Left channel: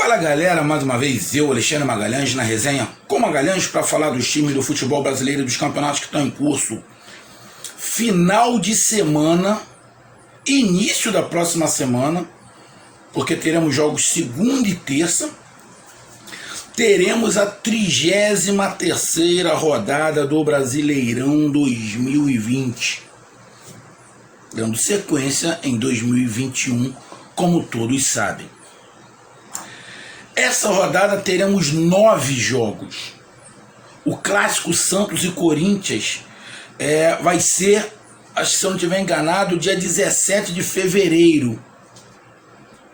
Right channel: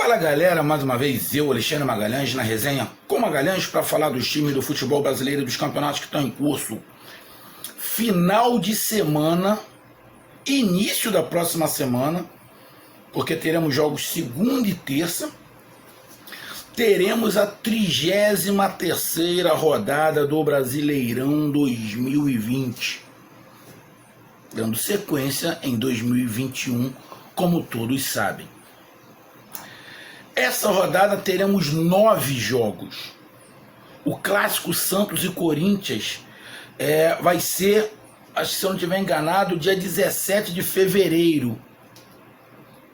Fala galera, mais uma vez eu, Alexandre Magalhães, na resenha com Magalhães para falar dos times do futebol brasileiro e dos campeonatos que estão em curso. Final de semana, início da próxima semana, porque teremos jogos segunda e terça. Teremos a 33ª rodada do Brasileirão 2020, dando sequência em 2021, como todos sabem. Essa rodada teremos 9 jogos. O clássico Santos e Corinthians vai ser, acho que se eu não estiver enganado, dia 17 de fevereiro.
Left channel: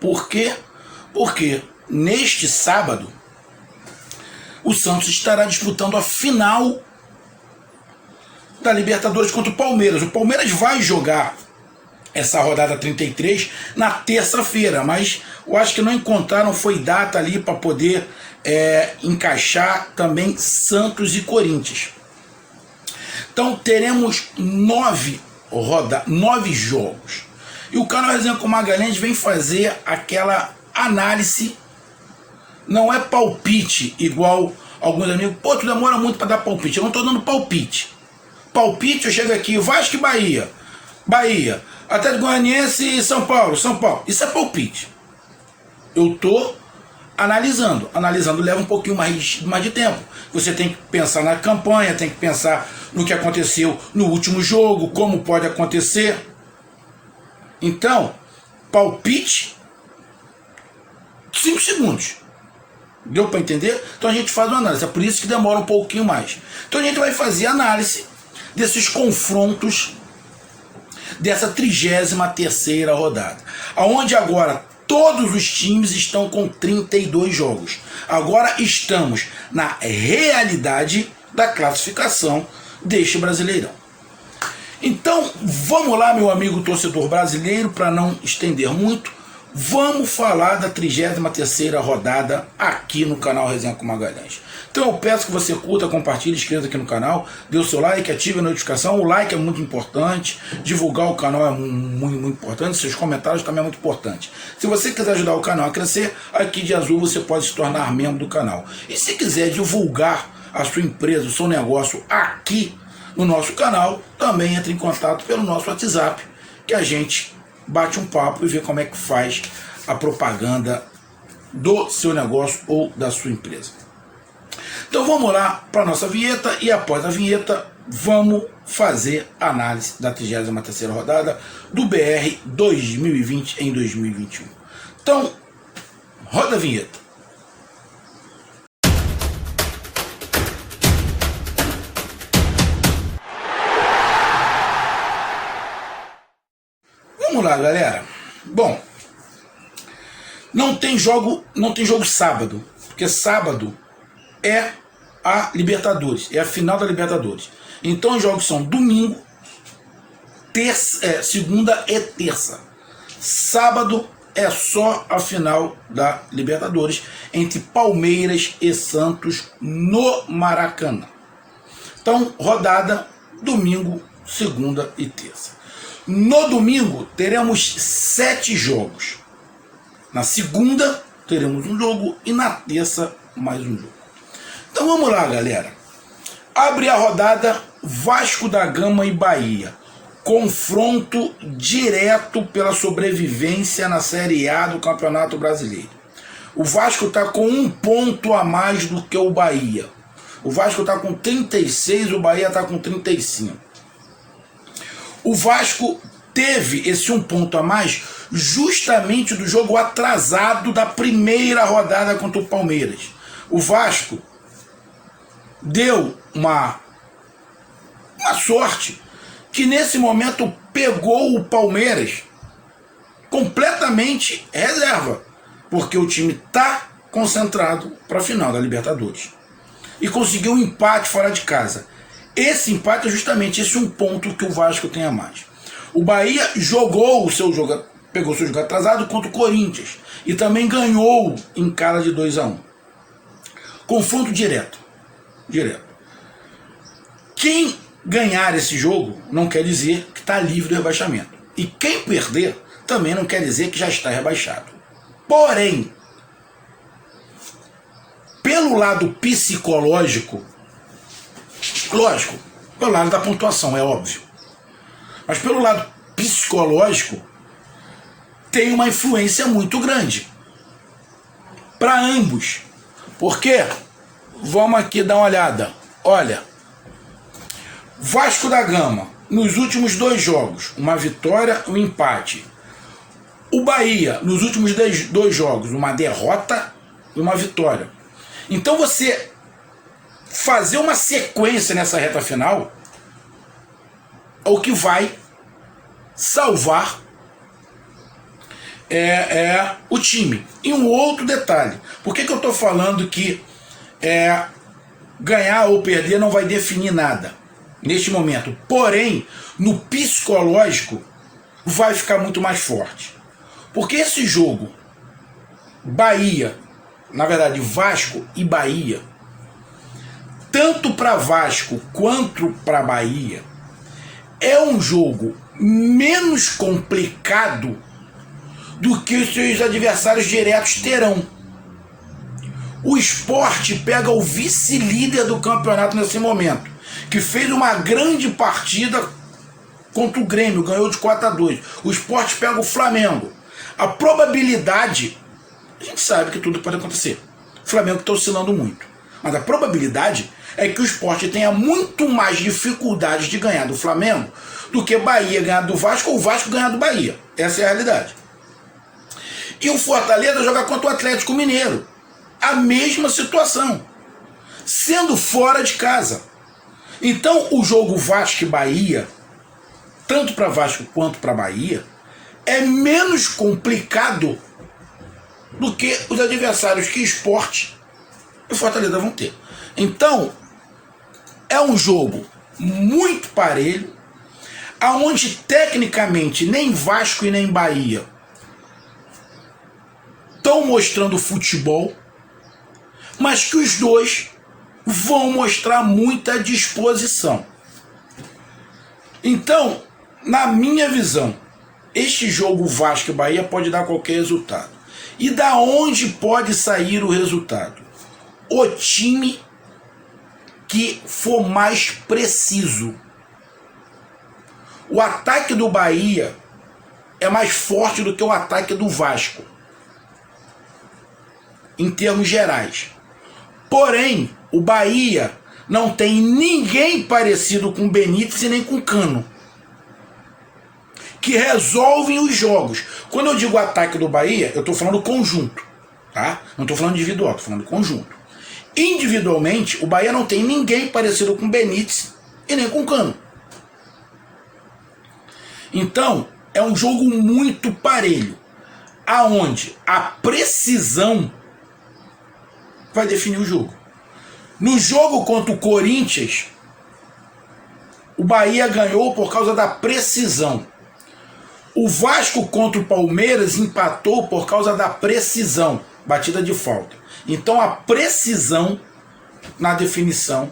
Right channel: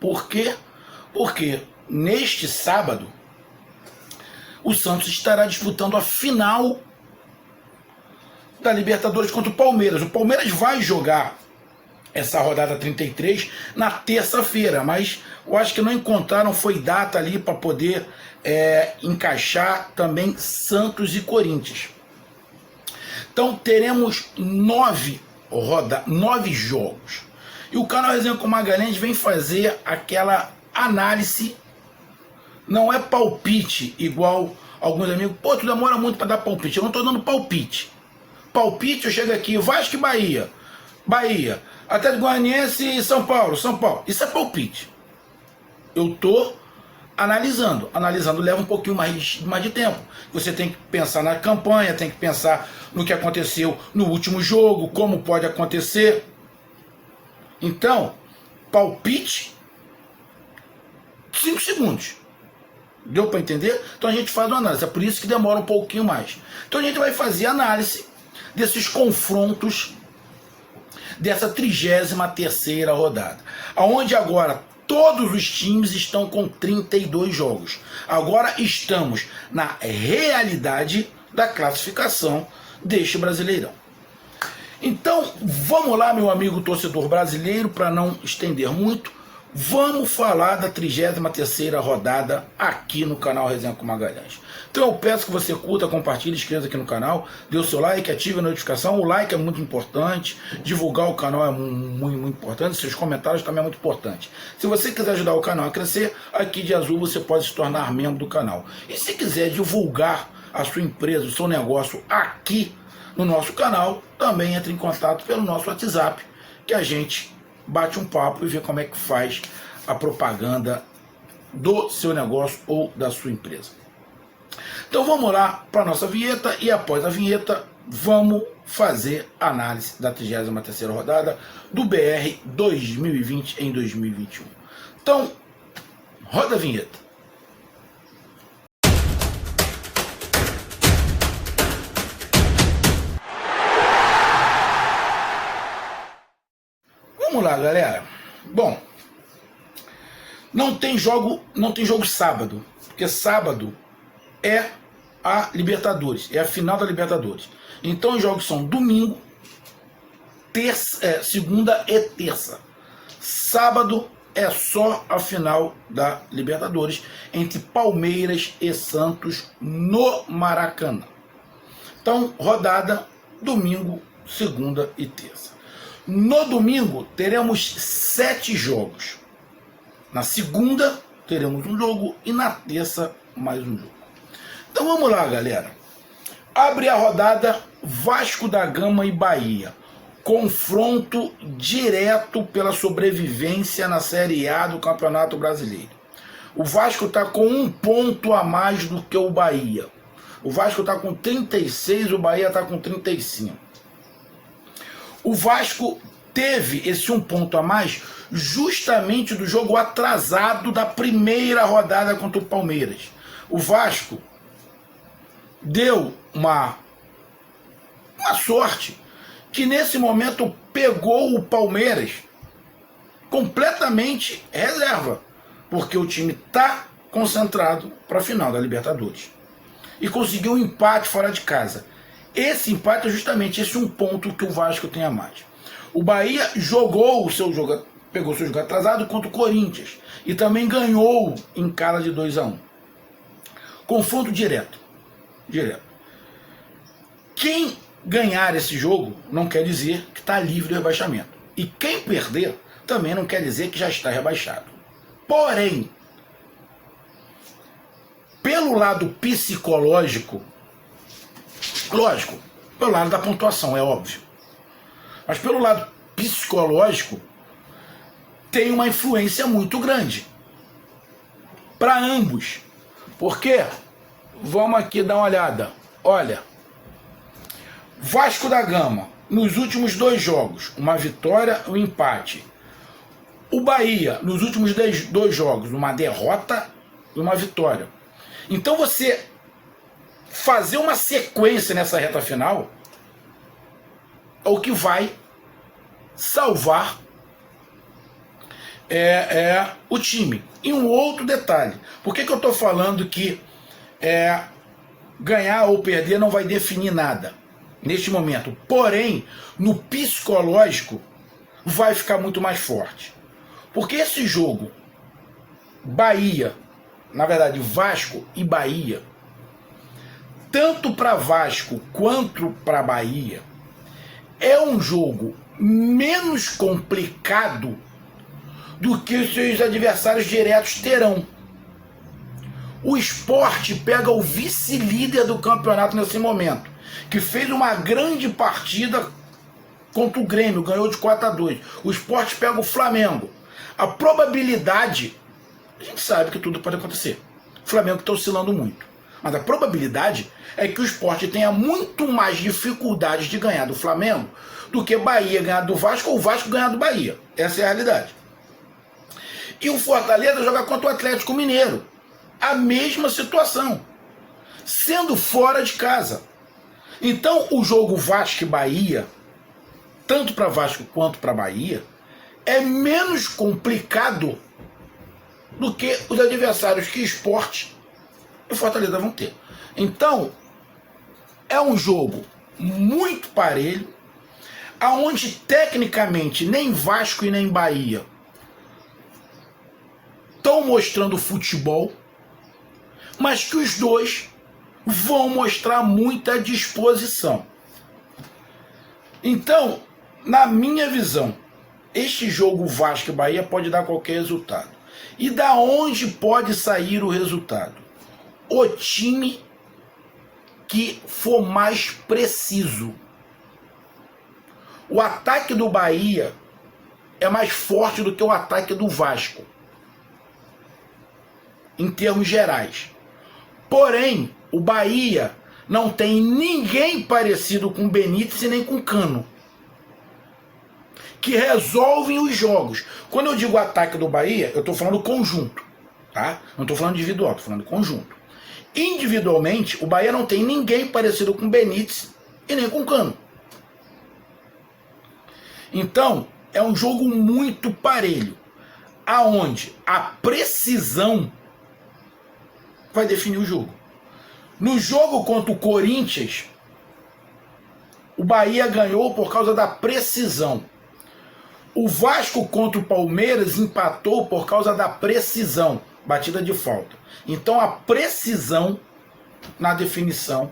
Por quê? Porque neste sábado o Santos estará disputando a final da Libertadores contra o Palmeiras. O Palmeiras vai jogar essa rodada 33 na terça-feira, mas eu acho que não encontraram foi data ali para poder encaixar também Santos e Corinthians. Então teremos 9 jogos. E o canal Resenha com Magalhães vem fazer aquela análise. Não é palpite, igual alguns amigos. Pô, tu demora muito para dar palpite. Eu não estou dando palpite. Palpite, eu chego aqui, Vasco e Bahia. Bahia. Atlético Goianiense e São Paulo. São Paulo. Isso é palpite. Eu estou analisando. Analisando leva um pouquinho mais de tempo. Você tem que pensar na campanha, tem que pensar no que aconteceu no último jogo, como pode acontecer. Então, palpite, 5 segundos. Deu para entender? Então a gente faz uma análise. É por isso que demora um pouquinho mais. Então a gente vai fazer análise desses confrontos dessa 33ª rodada, aonde agora todos os times estão com 32 jogos. Agora estamos na realidade da classificação deste Brasileirão. Então vamos lá, meu amigo torcedor brasileiro, para não estender muito, vamos falar da 33ª rodada aqui no canal Resenha com Magalhães. Então eu peço que você curta, compartilhe, inscreva aqui no canal, dê o seu like, ative a notificação. O like é muito importante, divulgar o canal é muito importante, seus comentários também é muito importante. Se você quiser ajudar o canal a crescer, aqui de azul você pode se tornar membro do canal. E se quiser divulgar a sua empresa, o seu negócio aqui no nosso canal, também entre em contato pelo nosso WhatsApp, que a gente bate um papo e vê como é que faz a propaganda do seu negócio ou da sua empresa. Então vamos lá para a nossa vinheta e após a vinheta vamos fazer a análise da 33ª rodada do BR 2020 em 2021. Então, roda a vinheta. Vamos lá, galera. Bom, não tem jogo sábado, porque sábado é a Libertadores, é a final da Libertadores. Então os jogos são domingo, segunda e terça. Sábado é só a final da Libertadores entre Palmeiras e Santos no Maracanã. Então, rodada domingo, segunda e terça. No domingo teremos 7 jogos. Na segunda teremos um jogo e na terça mais um jogo. Então vamos lá, galera. Abre a rodada Vasco da Gama e Bahia. Confronto direto pela sobrevivência na Série A do Campeonato Brasileiro. O Vasco está com 1 ponto a mais do que o Bahia. O Vasco está com 36, o Bahia está com 35. O Vasco teve esse 1 ponto a mais justamente do jogo atrasado da primeira rodada contra o Palmeiras. O Vasco deu uma sorte que nesse momento pegou o Palmeiras completamente reserva, porque o time está concentrado para a final da Libertadores e conseguiu um empate fora de casa. Esse empate é justamente esse 1 ponto que o Vasco tem a mais. O Bahia pegou o seu jogo atrasado contra o Corinthians e também ganhou em casa de 2-1. Confronto direto. Quem ganhar esse jogo não quer dizer que está livre do rebaixamento. E quem perder também não quer dizer que já está rebaixado. Porém, pelo lado psicológico, lógico, pelo lado da pontuação, é óbvio, mas pelo lado psicológico, tem uma influência muito grande para ambos. Porque, vamos aqui dar uma olhada, olha, Vasco da Gama, nos últimos 2 jogos, uma vitória e um empate. O Bahia, nos últimos 2 jogos, uma derrota e uma vitória. Então você fazer uma sequência nessa reta final é o que vai salvar o time. E um outro detalhe, por que eu estou falando que ganhar ou perder não vai definir nada neste momento? Porém, no psicológico vai ficar muito mais forte. Porque esse jogo, Bahia, na verdade Vasco e Bahia, tanto para Vasco quanto para Bahia, é um jogo menos complicado do que os seus adversários diretos terão. O Sport pega o vice-líder do campeonato nesse momento, que fez uma grande partida contra o Grêmio, ganhou de 4-2. O Sport pega o Flamengo. A probabilidade, a gente sabe que tudo pode acontecer. O Flamengo está oscilando muito. Mas a probabilidade é que o Sport tenha muito mais dificuldades de ganhar do Flamengo do que Bahia ganhar do Vasco ou o Vasco ganhar do Bahia. Essa é a realidade. E o Fortaleza joga contra o Atlético Mineiro. A mesma situação. Sendo fora de casa. Então o jogo Vasco e Bahia, tanto para Vasco quanto para Bahia, é menos complicado do que os adversários que Sport e Fortaleza vão ter. Então, é um jogo muito parelho, aonde tecnicamente nem Vasco e nem Bahia estão mostrando futebol, mas que os dois vão mostrar muita disposição. Então, na minha visão, este jogo Vasco e Bahia pode dar qualquer resultado. E da onde pode sair o resultado? O time que for mais preciso. O ataque do Bahia é mais forte do que o ataque do Vasco, em termos gerais. Porém, o Bahia não tem ninguém parecido com Benítez e nem com Cano, que resolvem os jogos. Quando eu digo ataque do Bahia, eu estou falando conjunto, tá? Não estou falando individual, estou falando conjunto. Individualmente, o Bahia não tem ninguém parecido com Benítez e nem com Cano. Então, é um jogo muito parelho, aonde a precisão vai definir o jogo. No jogo contra o Corinthians, o Bahia ganhou por causa da precisão. O Vasco contra o Palmeiras empatou por causa da precisão, batida de falta. Então a precisão na definição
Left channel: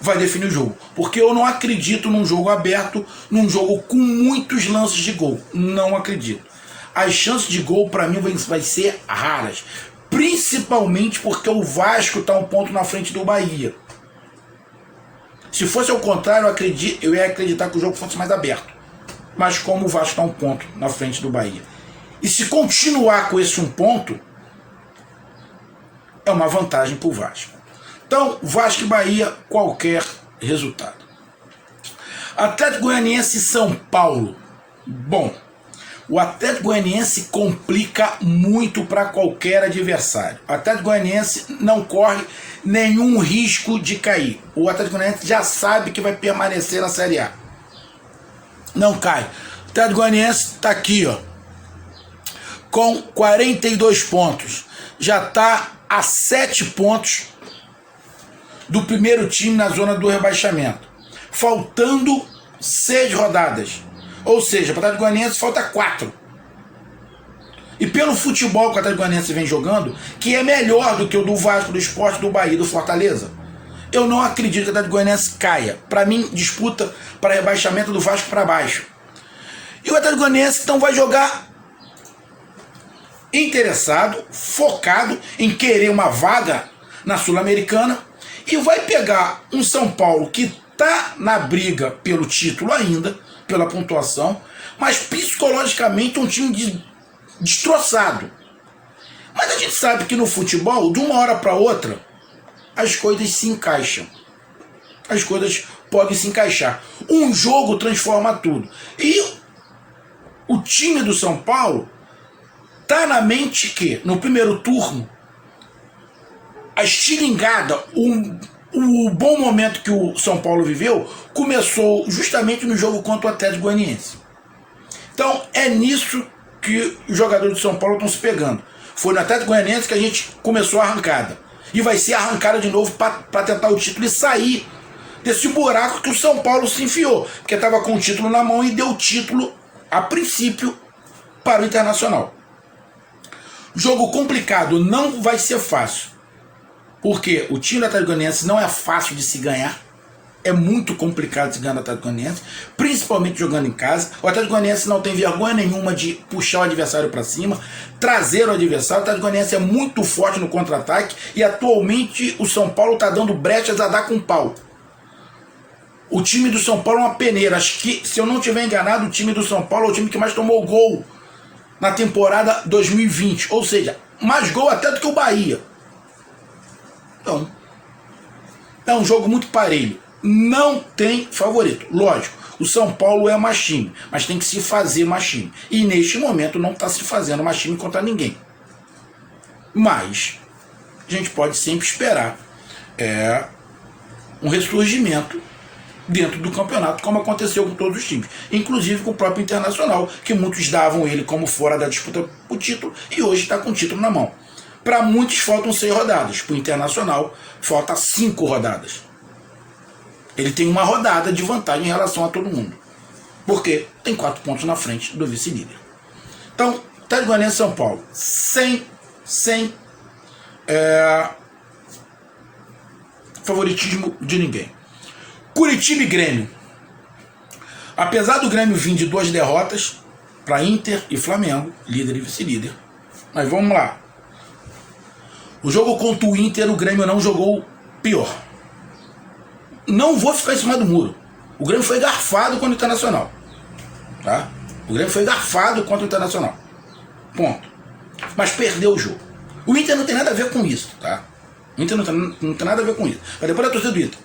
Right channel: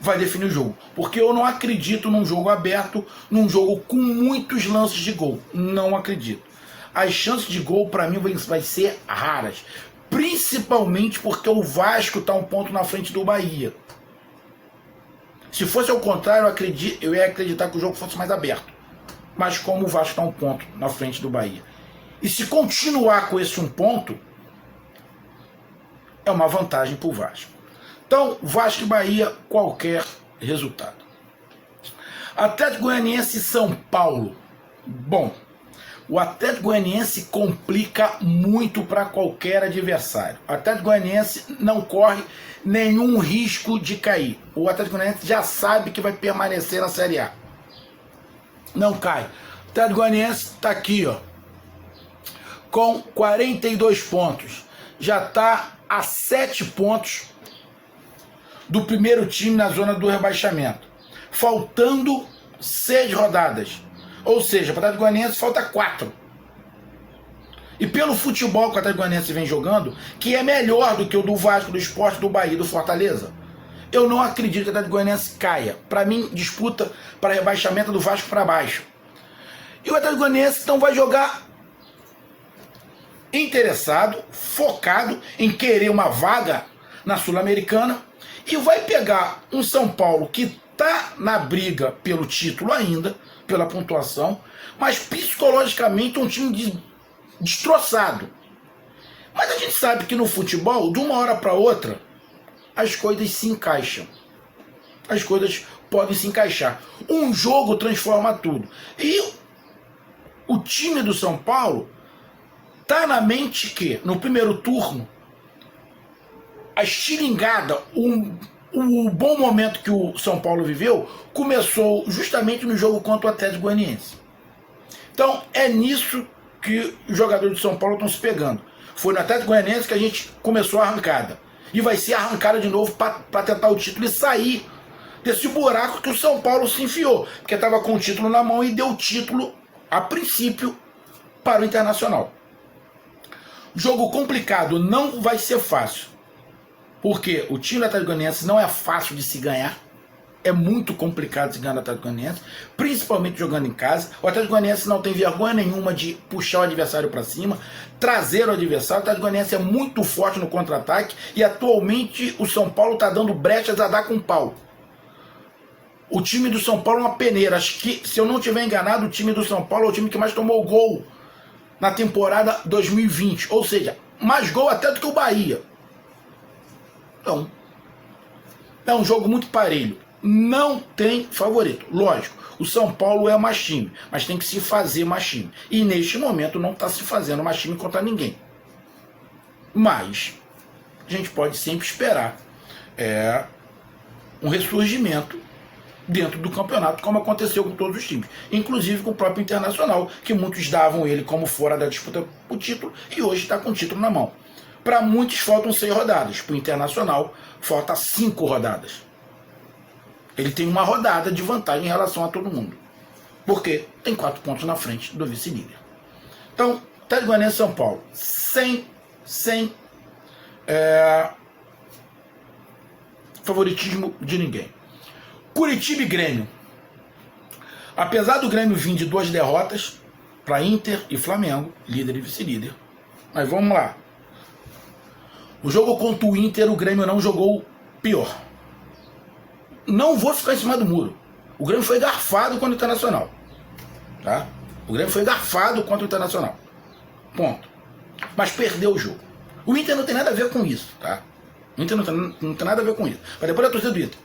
vai definir o jogo. Porque eu não acredito num jogo aberto, num jogo com muitos lances de gol. Não acredito. As chances de gol para mim vai ser raras. Principalmente porque o Vasco está um ponto na frente do Bahia. Se fosse ao contrário, eu ia acreditar que o jogo fosse mais aberto. Mas como o Vasco está um ponto na frente do Bahia. E se continuar com esse um ponto, é uma vantagem para o Vasco. Então, Vasco e Bahia, qualquer resultado. Atlético Goianiense e São Paulo. Bom, o Atlético Goianiense complica muito para qualquer adversário. O Atlético Goianiense não corre nenhum risco de cair. O Atlético Goianiense já sabe que vai permanecer na Série A. Não cai. O Atlético Goianiense está aqui, ó, com 42 pontos. Já está a 7 pontos do primeiro time na zona do rebaixamento. Faltando 6 rodadas. Ou seja, para o Atlético Goianiense falta 4. E pelo futebol que o Atlético Goianiense vem jogando, que é melhor do que o do Vasco, do Sport, do Bahia, do Fortaleza, eu não acredito que o Atlético Goianiense caia. Para mim, disputa para rebaixamento do Vasco para baixo. E o Atlético Goianiense então vai jogar interessado, focado em querer uma vaga na Sul-Americana e vai pegar um São Paulo que está na briga pelo título ainda, pela pontuação, mas psicologicamente um time destroçado. Mas a gente sabe que no futebol, de uma hora para outra, as coisas se encaixam. As coisas podem se encaixar. Um jogo transforma tudo. E o time do São Paulo tá na mente que, no primeiro turno, a estilingada, o bom momento que o São Paulo viveu, começou justamente no jogo contra o Atlético Goianiense. Então, é nisso que os jogadores de São Paulo estão se pegando. Foi no Atlético Goianiense que a gente começou a arrancada. E vai ser arrancada de novo para tentar o título e sair desse buraco que o São Paulo se enfiou. Porque estava com o título na mão e deu o título, a princípio, para o Internacional. Jogo complicado, não vai ser fácil. Porque o time do Atlético Goianiense não é fácil de se ganhar. É muito complicado se ganhar do Atlético Goianiense, principalmente jogando em casa. O Atlético Goianiense não tem vergonha nenhuma de puxar o adversário para cima, trazer o adversário. O Atlético Goianiense é muito forte no contra-ataque e atualmente o São Paulo está dando brechas a dar com pau. O time do São Paulo é uma peneira. Acho que, se eu não estiver enganado, o time do São Paulo é o time que mais tomou gol na temporada 2020. Ou seja, mais gol até do que o Bahia. Então, é um jogo muito parelho. Não tem favorito. Lógico, o São Paulo é mais time, mas tem que se fazer mais time. E neste momento não está se fazendo mais time contra ninguém. Mas a gente pode sempre esperar um ressurgimento dentro do campeonato, como aconteceu com todos os times, inclusive com o próprio Internacional, que muitos davam ele como fora da disputa por título e hoje está com o título na mão. Para muitos faltam 6 rodadas, para o Internacional falta 5 rodadas. Ele tem uma rodada de vantagem em relação a todo mundo, porque tem 4 pontos na frente do vice-líder. Então, Atlético Goianiense e São Paulo, sem favoritismo de ninguém. Curitiba e Grêmio. Apesar do Grêmio vir de 2 derrotas para Inter e Flamengo, líder e vice-líder, mas vamos lá. O jogo contra o Inter, o Grêmio não jogou pior. Não vou ficar em cima do muro. O Grêmio foi garfado contra o Internacional. Tá? O Grêmio foi garfado contra o Internacional. Ponto. Mas perdeu o jogo. O Inter não tem nada a ver com isso. Tá? O Inter não tem nada a ver com isso. Mas depois a torcida do Inter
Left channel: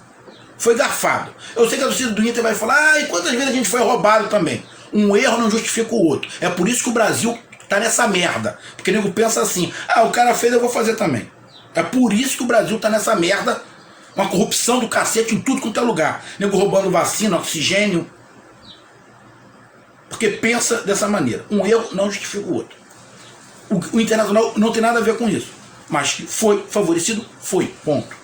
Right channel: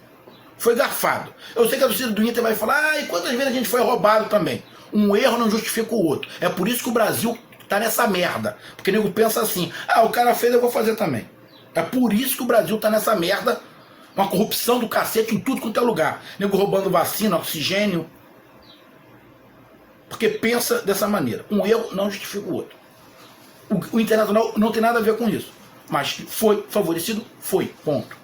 foi garfado. Eu sei que a torcida do Inter vai falar, e quantas vezes a gente foi roubado também. Um erro não justifica o outro. É por isso que o Brasil tá nessa merda. Porque o nego pensa assim, o cara fez, eu vou fazer também. É por isso que o Brasil tá nessa merda. Uma corrupção do cacete em tudo quanto é lugar. Nego roubando vacina, oxigênio. Porque pensa dessa maneira. Um erro não justifica o outro. O Internacional não tem nada a ver com isso. Mas que foi favorecido, foi. Ponto.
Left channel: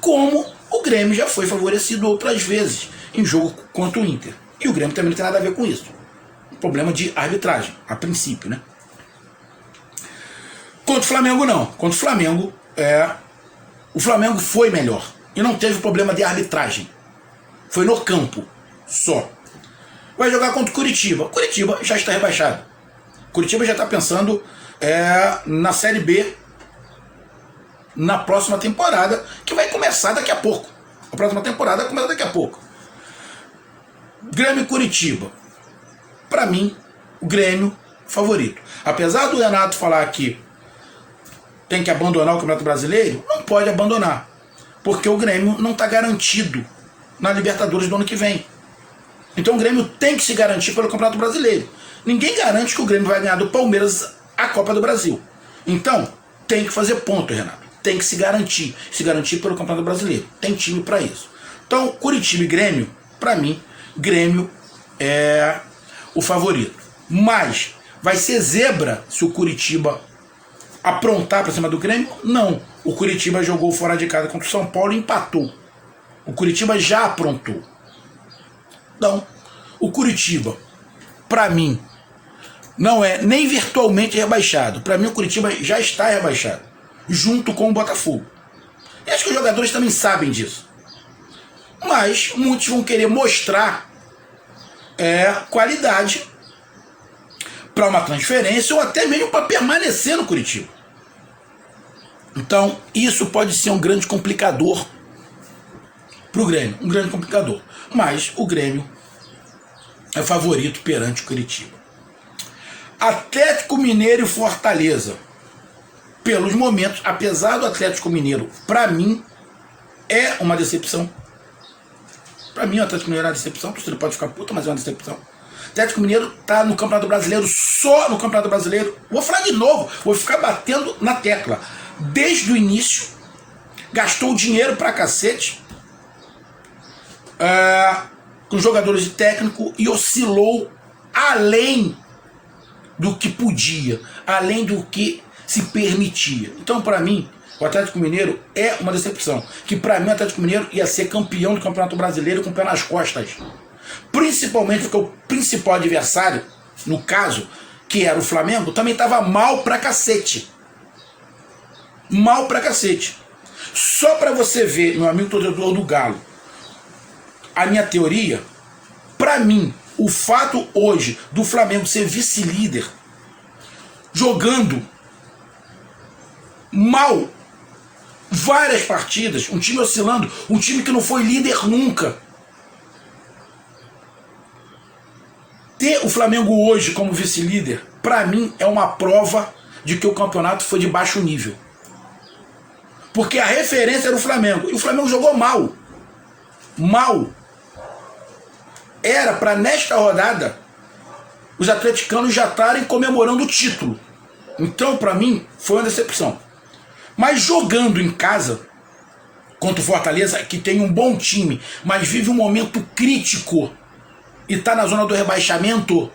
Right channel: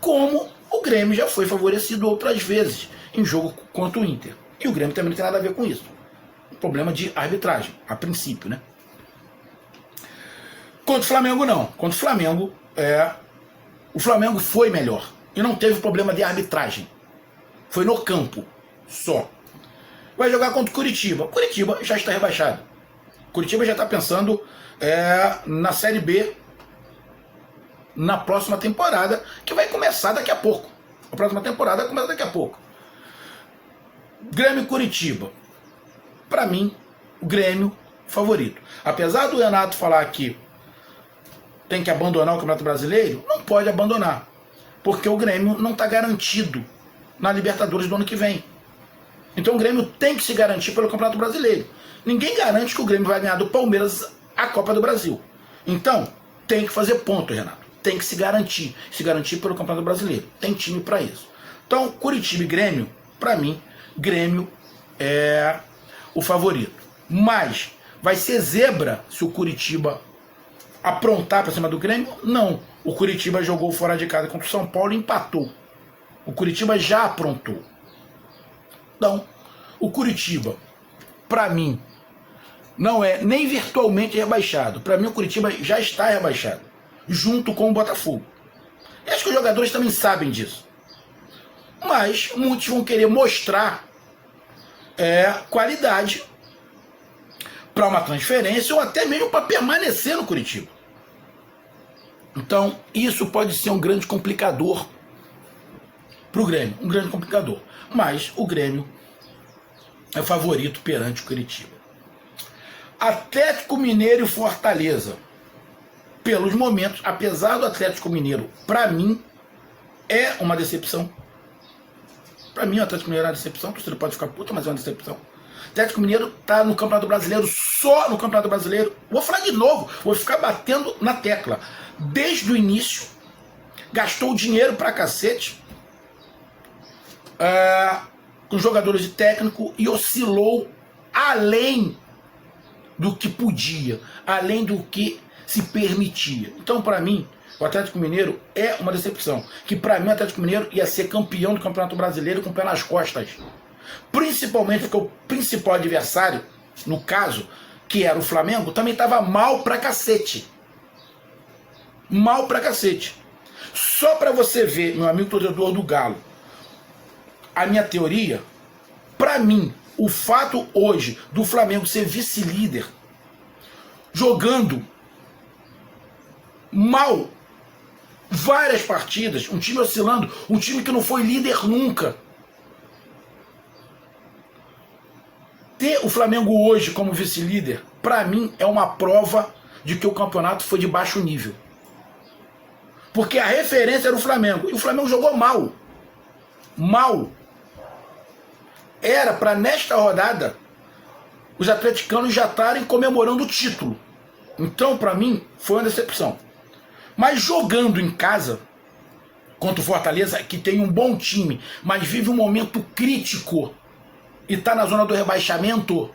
Como o Grêmio já foi favorecido outras vezes em jogo contra o Inter. E o Grêmio também não tem nada a ver com isso. Um problema de arbitragem, a princípio, né? Contra o Flamengo, não. Contra o Flamengo, o Flamengo foi melhor. E não teve problema de arbitragem. Foi no campo, só. Vai jogar contra o Curitiba. Curitiba já está rebaixado. Curitiba já está pensando na Série B na próxima temporada, que vai começar daqui a pouco. A próxima temporada começa daqui a pouco. Grêmio e Curitiba. Para mim, o Grêmio favorito. Apesar do Renato falar que tem que abandonar o Campeonato Brasileiro, não pode abandonar. Porque o Grêmio não está garantido na Libertadores do ano que vem. Então o Grêmio tem que se garantir pelo Campeonato Brasileiro. Ninguém garante que o Grêmio vai ganhar do Palmeiras a Copa do Brasil. Então, tem que fazer ponto, Renato. Tem que se garantir pelo Campeonato Brasileiro. Tem time para isso. Então, Curitiba e Grêmio, para mim, Grêmio é o favorito. Mas vai ser zebra se o Curitiba aprontar para cima do Grêmio? Não. O Curitiba jogou fora de casa contra o São Paulo e empatou. O Curitiba já aprontou. Então, o Curitiba, para mim, não é nem virtualmente rebaixado. Para mim, o Curitiba já está rebaixado, junto com o Botafogo. E acho que os jogadores também sabem disso. Mas muitos vão querer mostrar qualidade para uma transferência ou até mesmo para permanecer no Curitiba. Então, isso pode ser um grande complicador para o Grêmio, um grande complicador. Mas o Grêmio é favorito perante o Curitiba. Atlético Mineiro e Fortaleza. Pelos momentos, apesar do Atlético Mineiro, para mim, é uma decepção. Para mim, o Atlético Mineiro é uma decepção. Você pode ficar puta, mas é uma decepção. O Atlético Mineiro está no Campeonato Brasileiro, só no Campeonato Brasileiro. Vou falar de novo, vou ficar batendo na tecla. Desde o início, gastou dinheiro pra cacete com jogadores de técnico e oscilou além do que podia, além do que se permitia. Então, para mim, o Atlético Mineiro é uma decepção. Que para mim o Atlético Mineiro ia ser campeão do Campeonato Brasileiro com o pé nas costas. Principalmente porque o principal adversário, no caso, que era o Flamengo, também estava mal pra cacete. Mal pra cacete. Só para você ver, meu amigo torcedor do Galo, a minha teoria, para mim, o fato hoje do Flamengo ser vice-líder, jogando mal várias partidas, um time oscilando, um time que não foi líder nunca. Ter o Flamengo hoje como vice-líder, para mim, é uma prova de que o campeonato foi de baixo nível. Porque a referência era o Flamengo. E o Flamengo jogou mal. Mal. Era para nesta rodada os atleticanos já estarem comemorando o título. Então, para mim, foi uma decepção. Mas jogando em casa contra o Fortaleza, que tem um bom time, mas vive um momento crítico e está na zona do rebaixamento,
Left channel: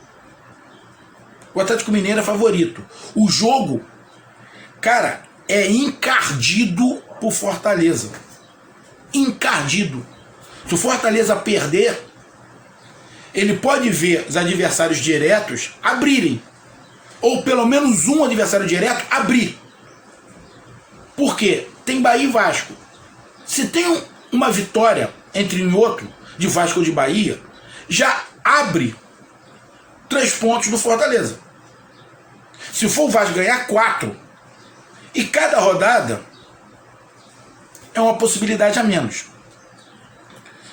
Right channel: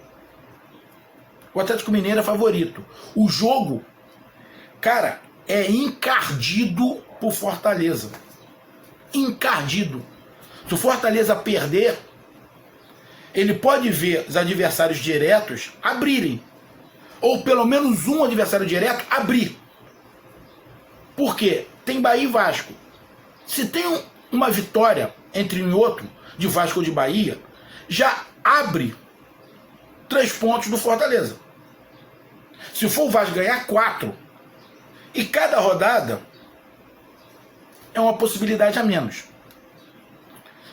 o Atlético Mineiro é favorito. O jogo, cara, é encardido por Fortaleza. Encardido. Se o Fortaleza perder, ele pode ver os adversários diretos abrirem. Ou pelo menos um adversário direto abrir. Por quê? Tem Bahia e Vasco. Se tem uma vitória entre um e outro, de Vasco ou de Bahia, já abre 3 pontos do Fortaleza. Se for o Vasco ganhar 4, e cada rodada é uma possibilidade a menos.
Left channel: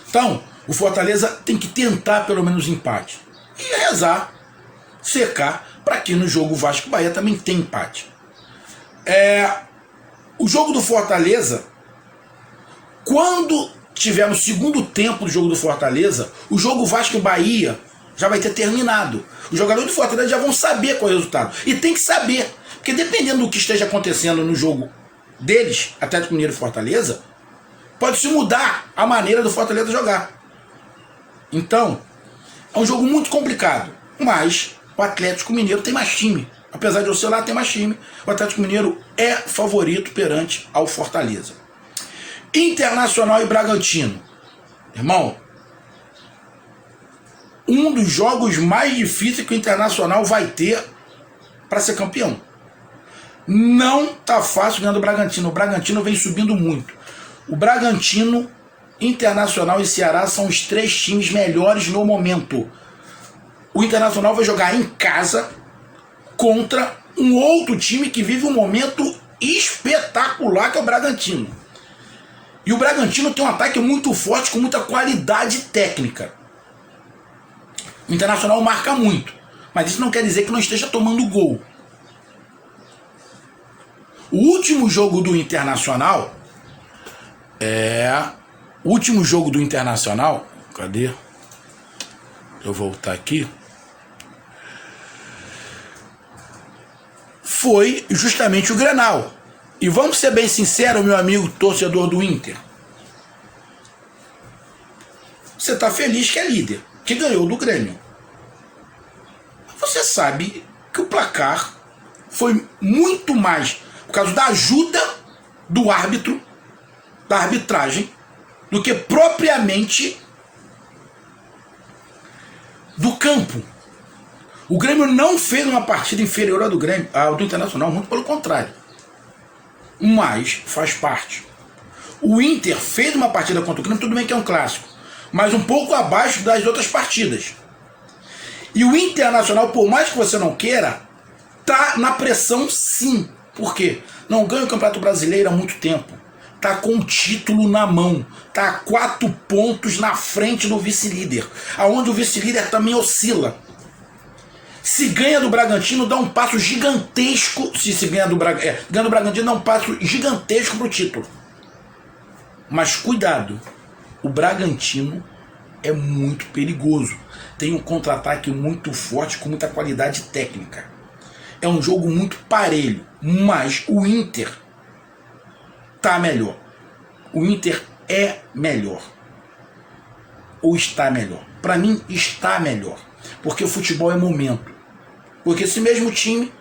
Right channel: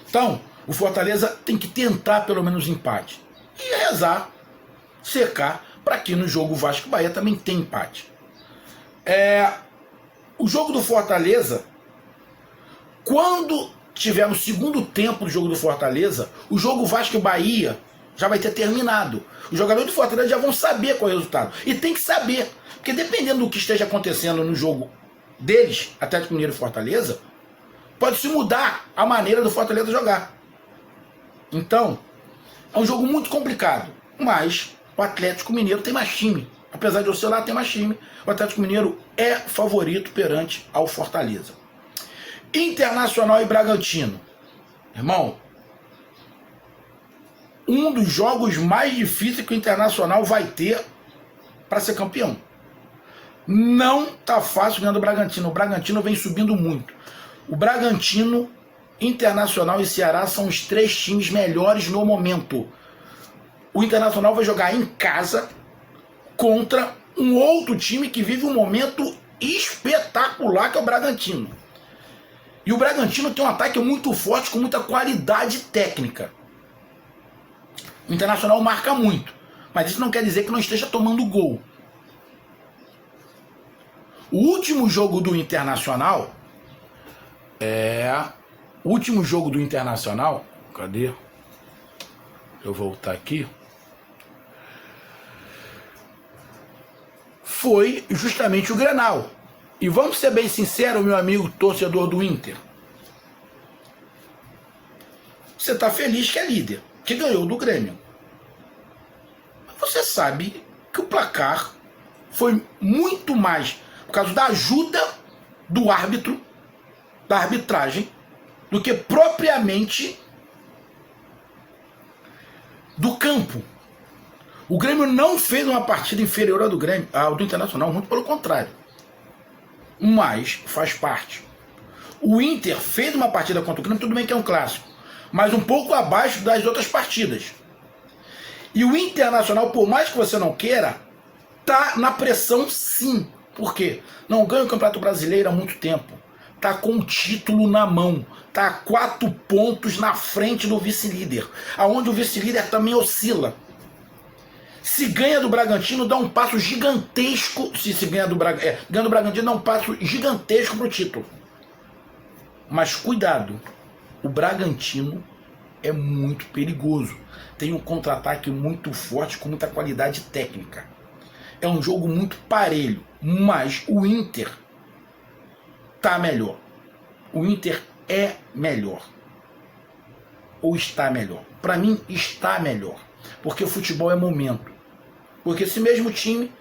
Então, o Fortaleza tem que tentar pelo menos empate. E rezar, secar, para que no jogo Vasco-Bahia também tem empate. O jogo do Fortaleza, quando tiver no segundo tempo do jogo do Fortaleza, o jogo Vasco-Bahia já vai ter terminado. Os jogadores do Fortaleza já vão saber qual é o resultado. E tem que saber, porque dependendo do que esteja acontecendo no jogo deles, Atlético Mineiro e Fortaleza, pode se mudar a maneira do Fortaleza jogar. Então, é um jogo muito complicado. Mas o Atlético Mineiro tem mais time. Apesar de oscilar, tem mais time. O Atlético Mineiro é favorito perante ao Fortaleza. Internacional e Bragantino. Irmão, um dos jogos mais difíceis que o Internacional vai ter para ser campeão. Não tá fácil ganhando o Bragantino. O Bragantino vem subindo muito. O Bragantino, Internacional e Ceará são os 3 times melhores no momento. O Internacional vai jogar em casa contra um outro time que vive um momento espetacular, que é o Bragantino. E o Bragantino tem um ataque muito forte, com muita qualidade técnica. O Internacional marca muito, mas isso não quer dizer que não esteja tomando gol. O último jogo do Internacional cadê? Eu vou voltar aqui. Foi justamente o Grenal. E vamos ser bem sinceros, meu amigo torcedor do Inter. Você está feliz que é líder, que ganhou do Grêmio. Você sabe que o placar foi muito mais por causa da ajuda do árbitro, da arbitragem, do que propriamente do campo. O Grêmio não fez uma partida inferior ao do Internacional, muito pelo contrário. Mas faz parte. O Inter fez uma partida contra o Grêmio, tudo bem que é um clássico, mas um pouco abaixo das outras partidas. E o Internacional, por mais que você não queira, tá na pressão sim. Por quê? Não ganha o Campeonato Brasileiro há muito tempo. Tá com o título na mão. Tá a 4 pontos na frente do vice-líder. Aonde o vice-líder também oscila. Se ganha do Bragantino, dá um passo gigantesco. Se ganha do Bragantino, dá um passo gigantesco pro título. Mas cuidado. O Bragantino é muito perigoso. Tem um contra-ataque muito forte, com muita qualidade técnica. É um jogo muito parelho, mas o Inter tá melhor. O Inter é melhor. Ou está melhor. Para mim, está melhor. Porque o futebol é momento. Porque esse mesmo time,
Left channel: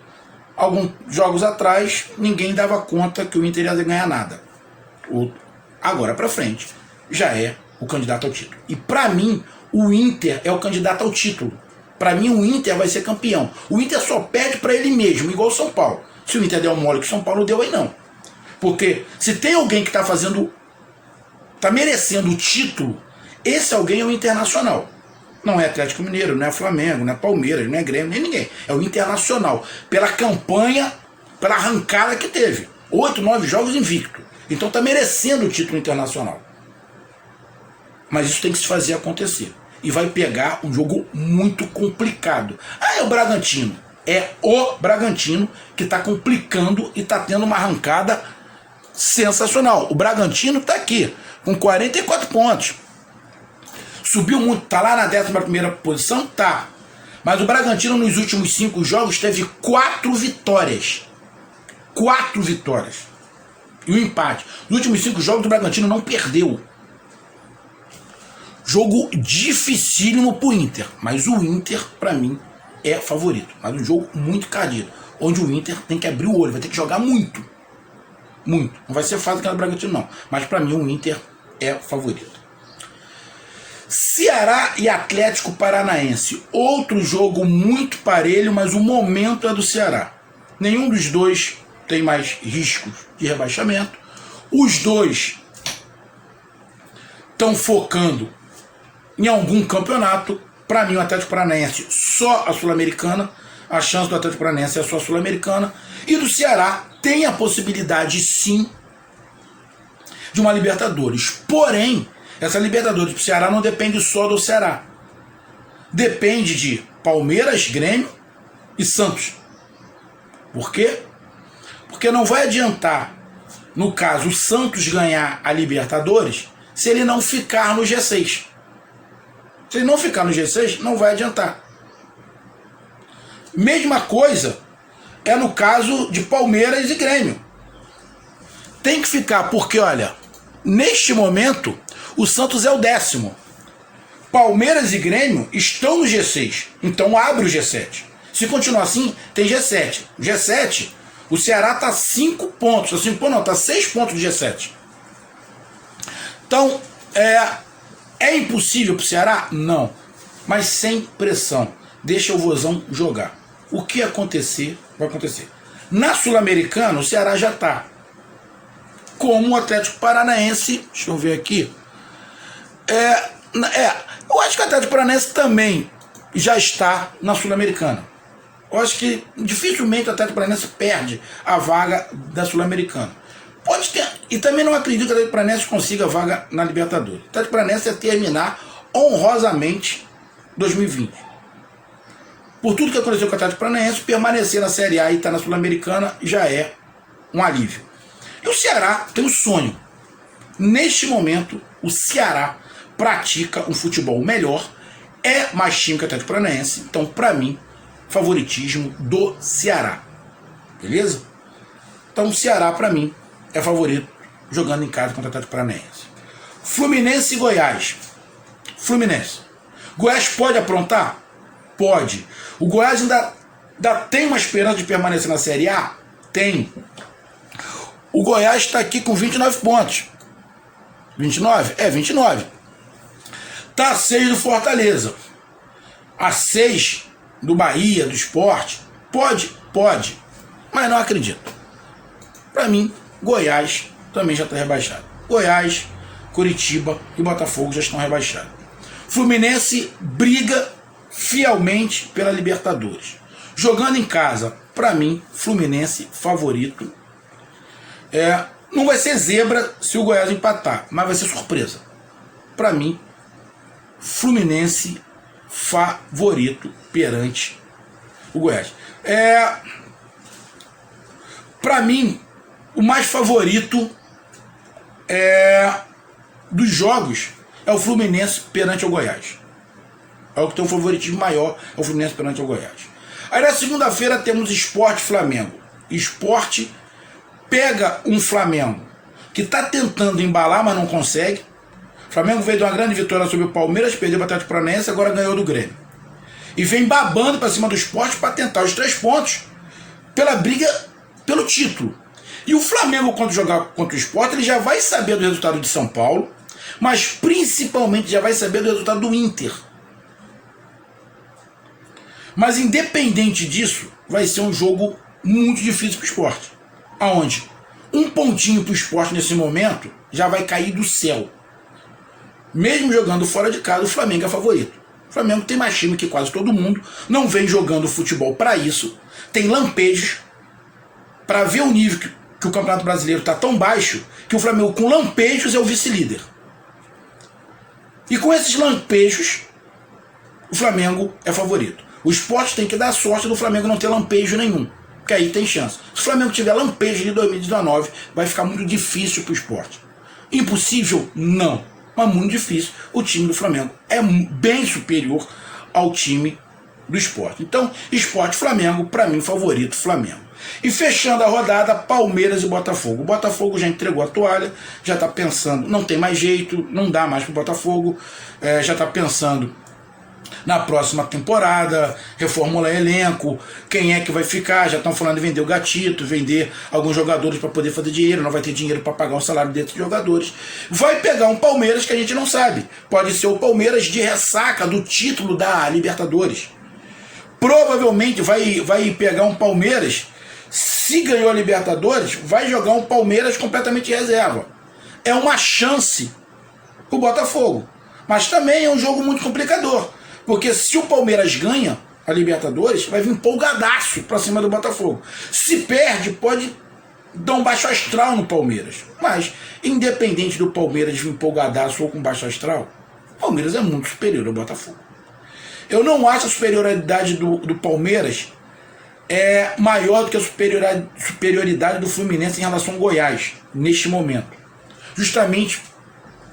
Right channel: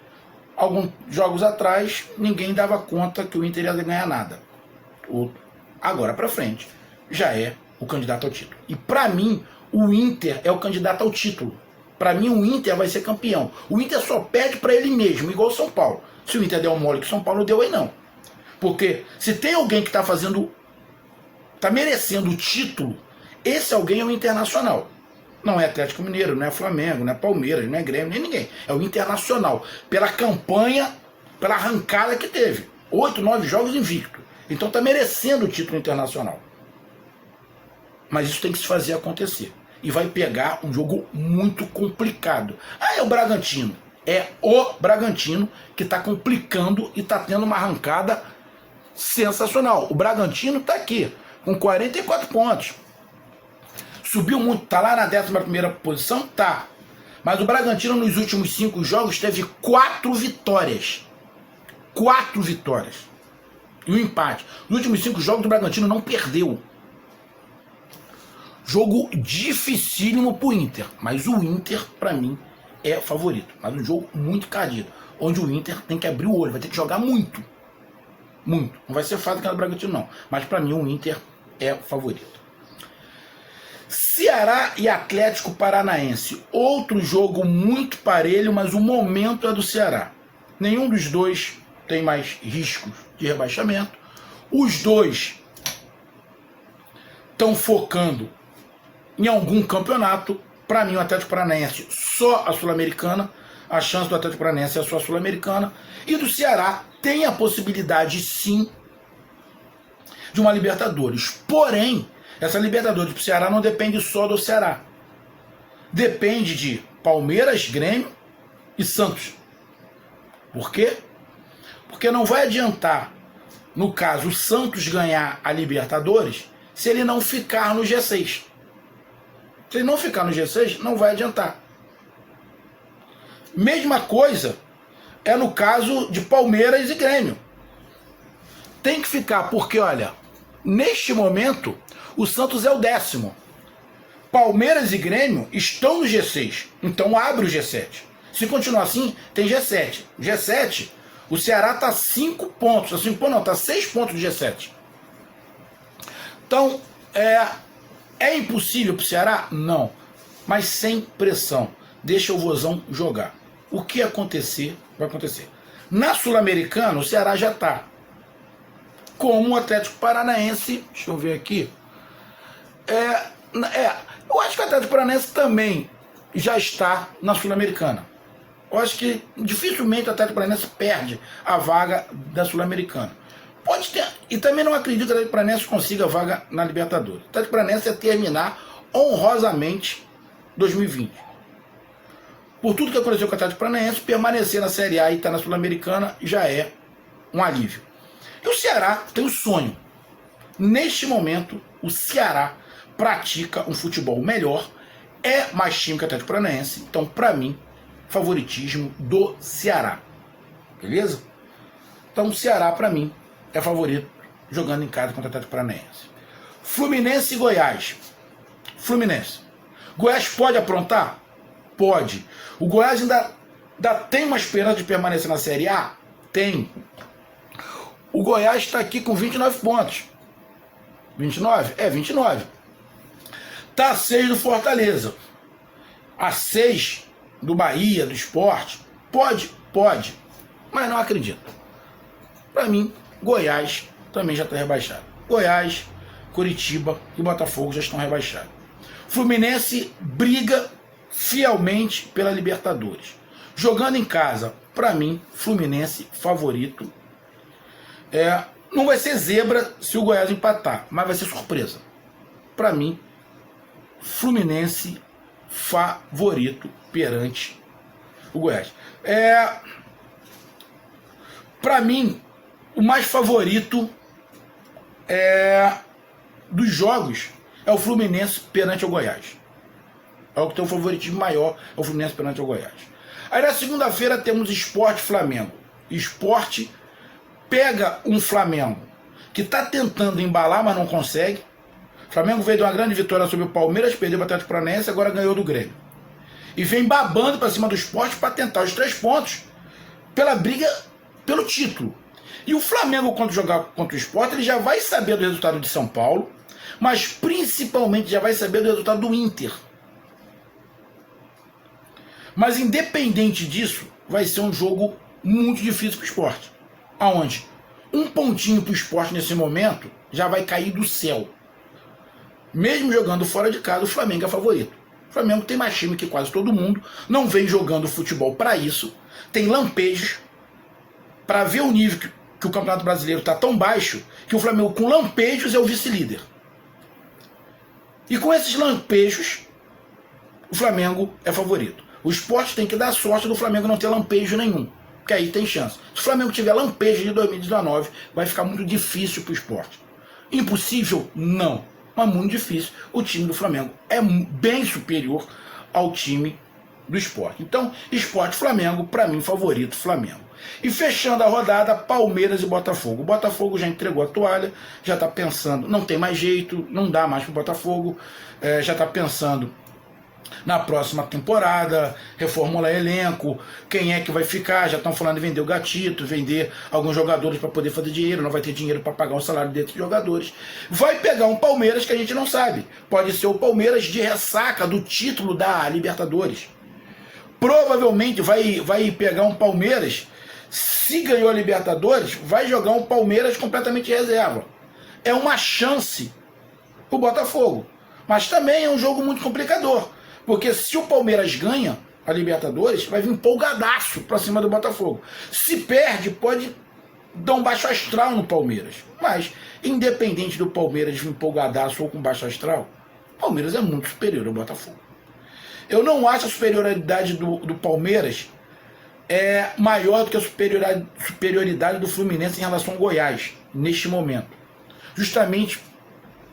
alguns jogos atrás, ninguém dava conta que o Inter ia ganhar nada. Agora para frente, já é o candidato ao título. E para mim, o Inter é o candidato ao título. Para mim, o Inter vai ser campeão. O Inter só perde para ele mesmo, igual o São Paulo. Se o Inter deu um mole que o São Paulo deu, aí não. Porque se tem alguém que está merecendo o título, esse alguém é o Internacional. Não é Atlético Mineiro, não é Flamengo, não é Palmeiras, não é Grêmio, nem ninguém. É o Internacional. Pela campanha, pela arrancada que teve. 8, 9 jogos invicto. Então está merecendo o título internacional. Mas isso tem que se fazer acontecer. E vai pegar um jogo muito complicado. É o Bragantino. É o Bragantino que está complicando e está tendo uma arrancada sensacional. O Bragantino está aqui, com 44 pontos. Subiu muito, está lá na 11ª posição? Tá. Mas o Bragantino nos últimos 5 jogos teve 4 vitórias. 4 vitórias. E um empate. Nos últimos 5 jogos o Bragantino não perdeu. Jogo dificílimo pro Inter, mas o Inter, para mim, é favorito. Mas um jogo muito cardido, onde o Inter tem que abrir o olho, vai ter que jogar muito. Muito. Não vai ser fácil ganhar o Bragantino, não. Mas para mim o Inter é favorito. Ceará e Atlético Paranaense. Outro jogo muito parelho, mas o momento é do Ceará. Nenhum dos dois tem mais riscos de rebaixamento. Os dois estão focando em algum campeonato. Para mim, o Atlético Paranaense só a Sul-Americana. A chance do Atlético Paranaense é só a Sul-Americana. E do Ceará tem a possibilidade, sim, de uma Libertadores. Porém, essa Libertadores para o Ceará não depende só do Ceará. Depende de Palmeiras, Grêmio e Santos. Por quê? Porque não vai adiantar, no caso, o Santos ganhar a Libertadores se ele não ficar no G6. Se ele não ficar no G6, não vai adiantar. Mesma coisa é no caso de Palmeiras e Grêmio. Tem que ficar, porque, olha, neste momento, o Santos é o 10º. Palmeiras e Grêmio estão no G6. Então abre o G7. Se continuar assim, tem G7. O G7, o Ceará está 5 pontos. Está 5 pontos, não, está 6 pontos do G7. Então, é impossível para o Ceará? Não. Mas sem pressão. Deixa o Vozão jogar. O que acontecer, vai acontecer. Na Sul-Americana, o Ceará já está. Como o Atlético Paranaense, deixa eu ver aqui. Eu acho que o Atlético Paranaense também já está na Sul-Americana. Eu acho que dificilmente o Atlético Paranaense perde a vaga da Sul-Americana. Pode ter, e também não acredito que o Atlético Paranaense consiga a vaga na Libertadores. O Atlético Paranaense é terminar honrosamente 2020. Por tudo que aconteceu com o Atlético Paranaense, permanecer na Série A e estar na Sul-Americana já é um alívio. E o Ceará tem um sonho. Neste momento, o Ceará pratica um futebol melhor, é mais time que o Atlético Paranaense, então, para mim, favoritismo do Ceará. Beleza? Então, o Ceará, para mim, é favorito jogando em casa contra o Atlético Paranaense. Fluminense e Goiás. Fluminense. Goiás pode aprontar? Pode. O Goiás ainda tem uma esperança de permanecer na Série A? Tem. O Goiás está aqui com 29 pontos. 29? 29. Está a 6 do Fortaleza. A 6 do Bahia, do Sport. Pode? Pode. Mas não acredito. Para mim, Goiás também já está rebaixado. Goiás, Curitiba e Botafogo já estão rebaixados. Fluminense briga fielmente pela Libertadores. Jogando em casa, para mim, Fluminense favorito. Não vai ser zebra se o Goiás empatar, mas vai ser surpresa. Para mim, Fluminense favorito perante o Goiás. Para mim, o mais favorito dos jogos é o Fluminense perante o Goiás. É o que tem um favoritismo maior, é o Fluminense perante o Goiás. Aí na segunda-feira temos Sport Flamengo. Sport pega um Flamengo que está tentando embalar, mas não consegue. O Flamengo veio de uma grande vitória sobre o Palmeiras, perdeu para o Atlético Paranaense, agora ganhou do Grêmio. E vem babando para cima do Sport para tentar os 3 pontos pela briga pelo título. E o Flamengo, quando jogar contra o Sport, ele já vai saber do resultado de São Paulo, mas principalmente já vai saber do resultado do Inter. Mas independente disso, vai ser um jogo muito difícil para o Sport. Aonde um pontinho para o Sport nesse momento já vai cair do céu. Mesmo jogando fora de casa, o Flamengo é favorito. O Flamengo tem mais time que quase todo mundo, não vem jogando futebol para isso, tem lampejos, para ver o nível que o Campeonato Brasileiro está tão baixo, que o Flamengo com lampejos é o vice-líder. E com esses lampejos, o Flamengo é favorito. O Sport tem que dar sorte do Flamengo não ter lampejo nenhum, que aí tem chance. Se o Flamengo tiver lampejo de 2019, vai ficar muito difícil para o Sport. Impossível? Não. Mas muito difícil. O time do Flamengo é bem superior ao time do Sport. Então, Sport Flamengo, para mim, favorito Flamengo. E fechando a rodada, Palmeiras e Botafogo. O Botafogo já entregou a toalha, já está pensando, não tem mais jeito, não dá mais para o Botafogo, já está pensando na próxima temporada, reformular elenco, quem é que vai ficar, já estão falando de vender o Gatito, vender alguns jogadores para poder fazer dinheiro, não vai ter dinheiro para pagar o salário desses jogadores. Vai pegar um Palmeiras que a gente não sabe, pode ser o Palmeiras de ressaca do título da Libertadores. Provavelmente vai pegar um Palmeiras, se ganhou a Libertadores, vai jogar um Palmeiras completamente reserva. É uma chance pro Botafogo, mas também é um jogo muito complicador. Porque se o Palmeiras ganha a Libertadores, vai vir empolgadaço pra cima do Botafogo. Se perde, pode dar um baixo astral no Palmeiras. Mas, independente do Palmeiras vir empolgadaço ou com baixo astral, o Palmeiras é muito superior ao Botafogo. Eu não acho a superioridade do Palmeiras maior do que a superioridade do Fluminense em relação ao Goiás, neste momento. Justamente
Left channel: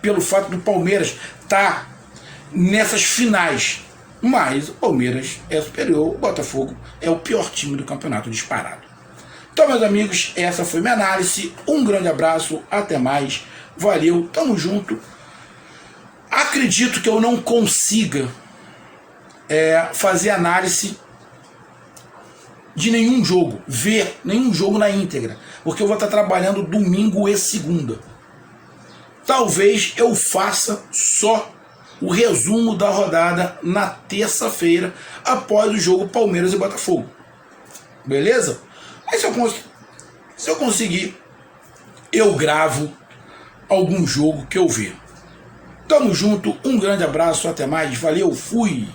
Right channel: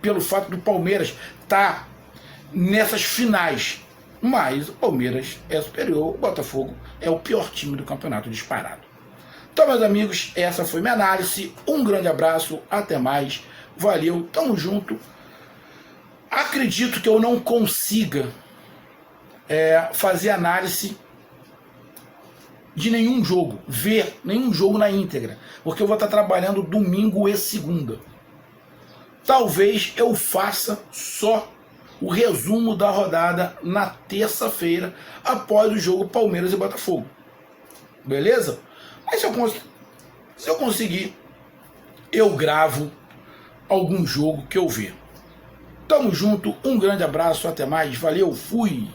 pelo fato do Palmeiras estar nessas finais. Mas o Palmeiras é superior, o Botafogo é o pior time do campeonato disparado. Então, meus amigos, essa foi minha análise. Um grande abraço, até mais. Valeu, tamo junto. Acredito que eu não consiga fazer análise de nenhum jogo, ver nenhum jogo na íntegra, porque eu vou estar trabalhando domingo e segunda. Talvez eu faça só o resumo da rodada na terça-feira, após o jogo Palmeiras e Botafogo. Beleza? Mas se eu conseguir, eu gravo algum jogo que eu ver. Tamo junto, um grande abraço, até mais, valeu, fui!